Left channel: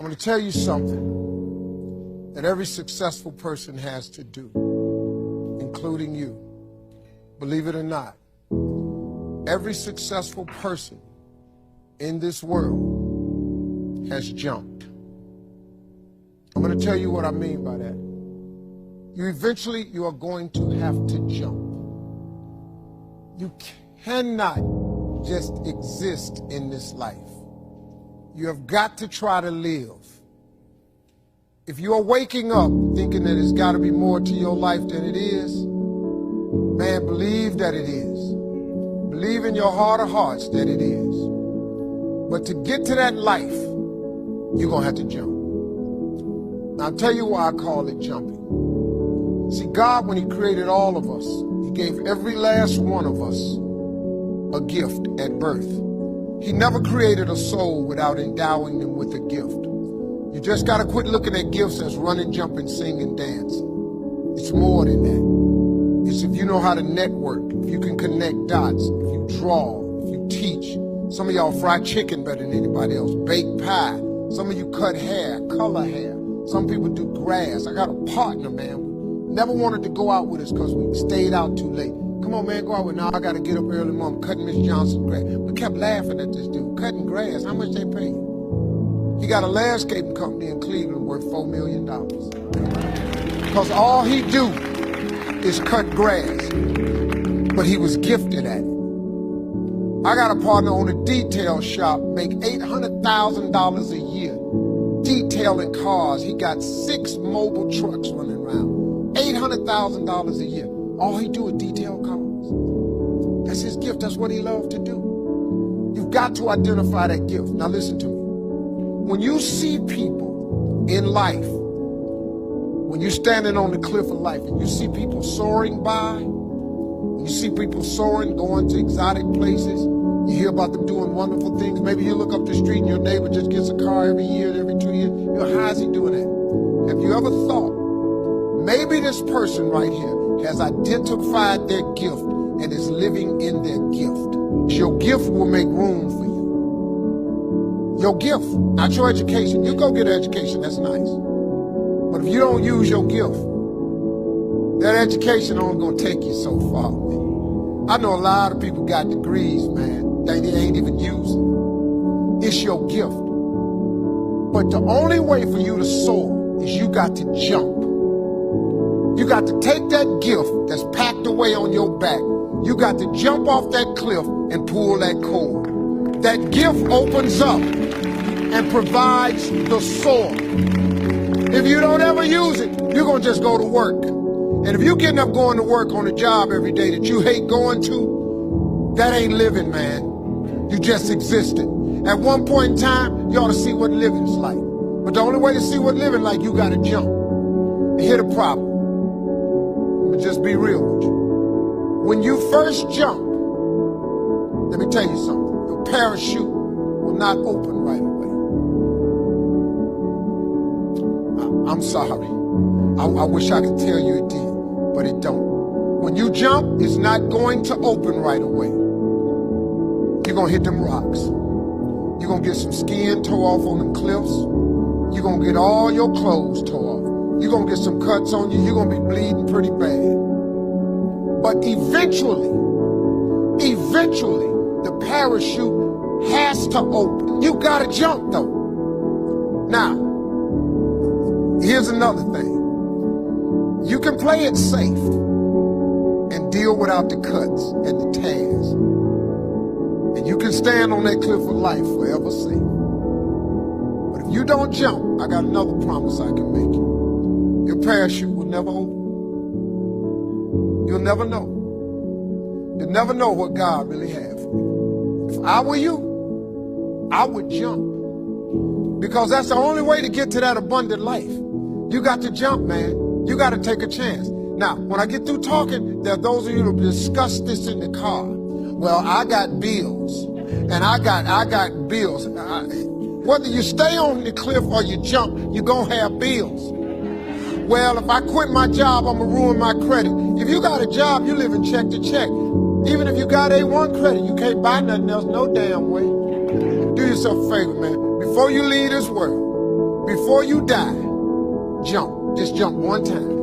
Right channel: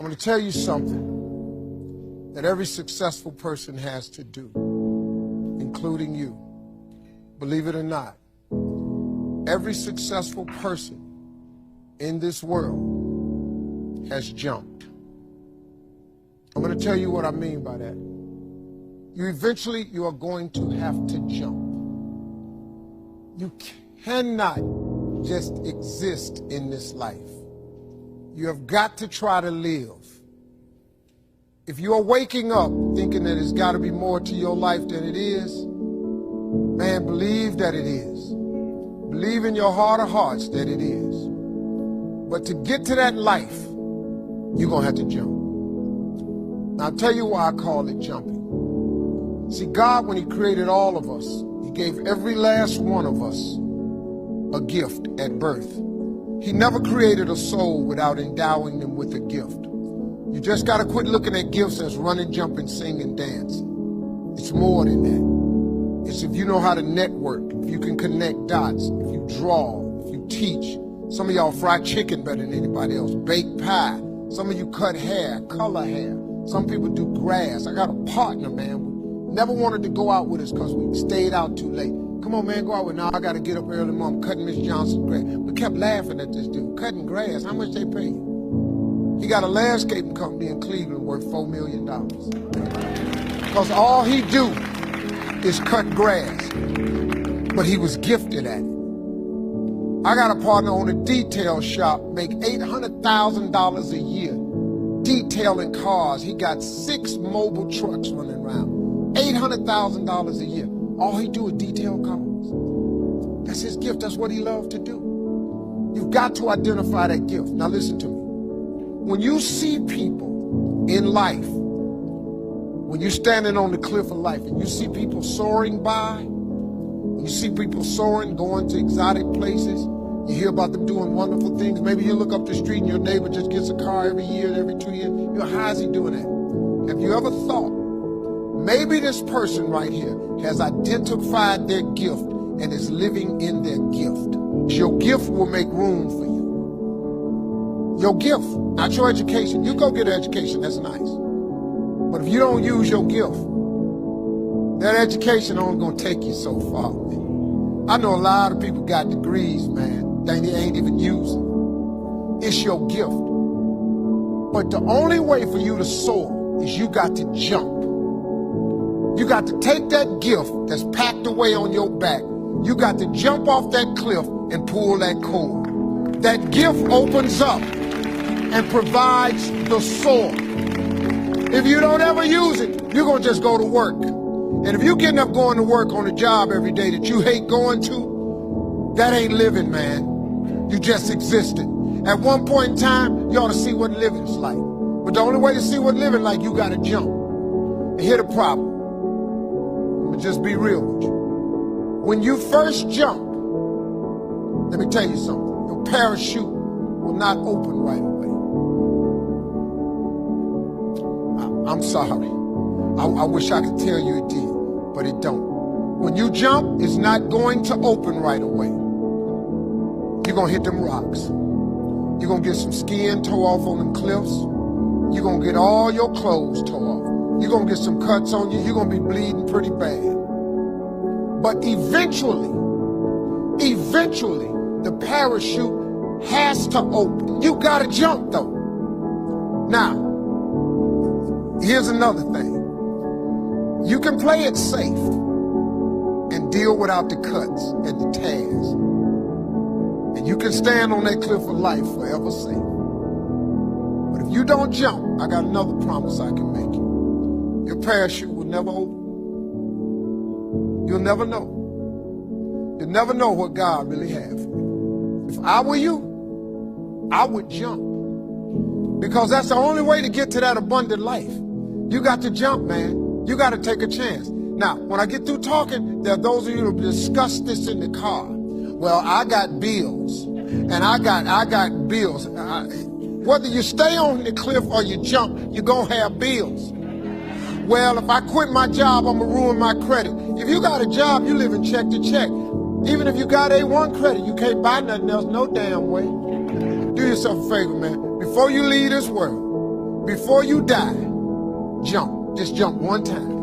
I'm going to tell you something that every successful person has to do, including you. Believe it or not, every successful person in this world has jumped. I'm going to tell you what I mean by that. You are going to have to jump. You cannot just exist in this life. You have got to try to live. If you are waking up thinking that it's got to be more to your life than it is, man, believe that it is. Believe in your heart of hearts that it is. But to get to that life, you're going to have to jump. Now, I'll tell you why I call it jumping. See, God, when he created all of us, he gave every last one of us a gift at birth. He never created a soul without endowing them with a gift. You just got to quit looking at gifts as running, jumping, singing, dancing. It's more than that. It's if you know how to network, if you can connect dots, if you draw, if you teach. Some of y'all fry chicken better than anybody else, bake pie. Some of you cut hair, color hair. Some people do grass. I got a partner, man. Never wanted to go out with us because we stayed out too late. Come on, man, go out with me. Now I got to get up early, Mom, cutting Miss Johnson's grass. We kept laughing at this dude, cutting grass. How much they pay you? He got a landscaping company in Cleveland worth $4 million. Because all he do is cut grass. But he was gifted at it. I got a partner on a detail shop, make $800,000 a year detailing cars. He got 6 mobile trucks running around. $800,000 a year. All he do is detail cars. That's his gift. That's what he loved to do. You've got to identify that gift. Now listen to me. When you see people in life, when you're standing on the cliff of life and you see people soaring by, when you see people soaring, going to exotic places, you hear about them doing wonderful things. Maybe you look up the street and your neighbor just gets a car every year, every 2 years. You know, how is he doing that? Have you ever thought, maybe this person right here has identified their gift and is living in their gift? Your gift will make room for you. Your gift, not your education. You go get an education, that's nice. But if you don't use your gift, that education only gonna take you so far, man. I know a lot of people got degrees, man, they ain't even using. It's your gift. But the only way for you to soar is you got to jump. You got to take that gift that's packed away on your back. You got to jump off that cliff and pull that cord. That gift opens up and provides the soar. If you don't ever use it, you're going to just go to work. And if you're getting up going to work on a job every day that you hate going to, that ain't living, man. You just existed. At one point in time, you ought to see what living's like. But the only way to see what living like, you got to jump. And here's the problem. I'm gonna just be real with you. When you first jump, let me tell you something. Your parachute will not open right away. I'm sorry. I wish I could tell you it did, but it don't. When you jump, it's not going to open right away. You're gonna hit them rocks. You're gonna get some skin tore off on them cliffs. You're gonna get all your clothes tore off. You're gonna get some cuts on you. You're gonna be bleeding pretty bad. But eventually, the parachute has to open. You gotta jump though. Now, here's another thing. You can play it safe and deal without the cuts and the tears. And you can stand on that cliff of life forever safe. But if you don't jump, I got another promise I can make you. Your parachute will never open. You'll never know. You'll never know what God really has for you. If I were you, I would jump. Because that's the only way to get to that abundant life. You got to jump, man. You got to take a chance. Now, when I get through talking, there are those of you who discuss this in the car. Well, I got bills, and I got bills. Whether you stay on the cliff or you jump, you're going to have bills. Well, if I quit my job, I'm going to ruin my credit. If you got a job, you live in check to check. Even if you got A1 credit, you can't buy nothing else no damn way. Do yourself a favor, man. Before you leave this world, Before you die, jump. Just jump one time.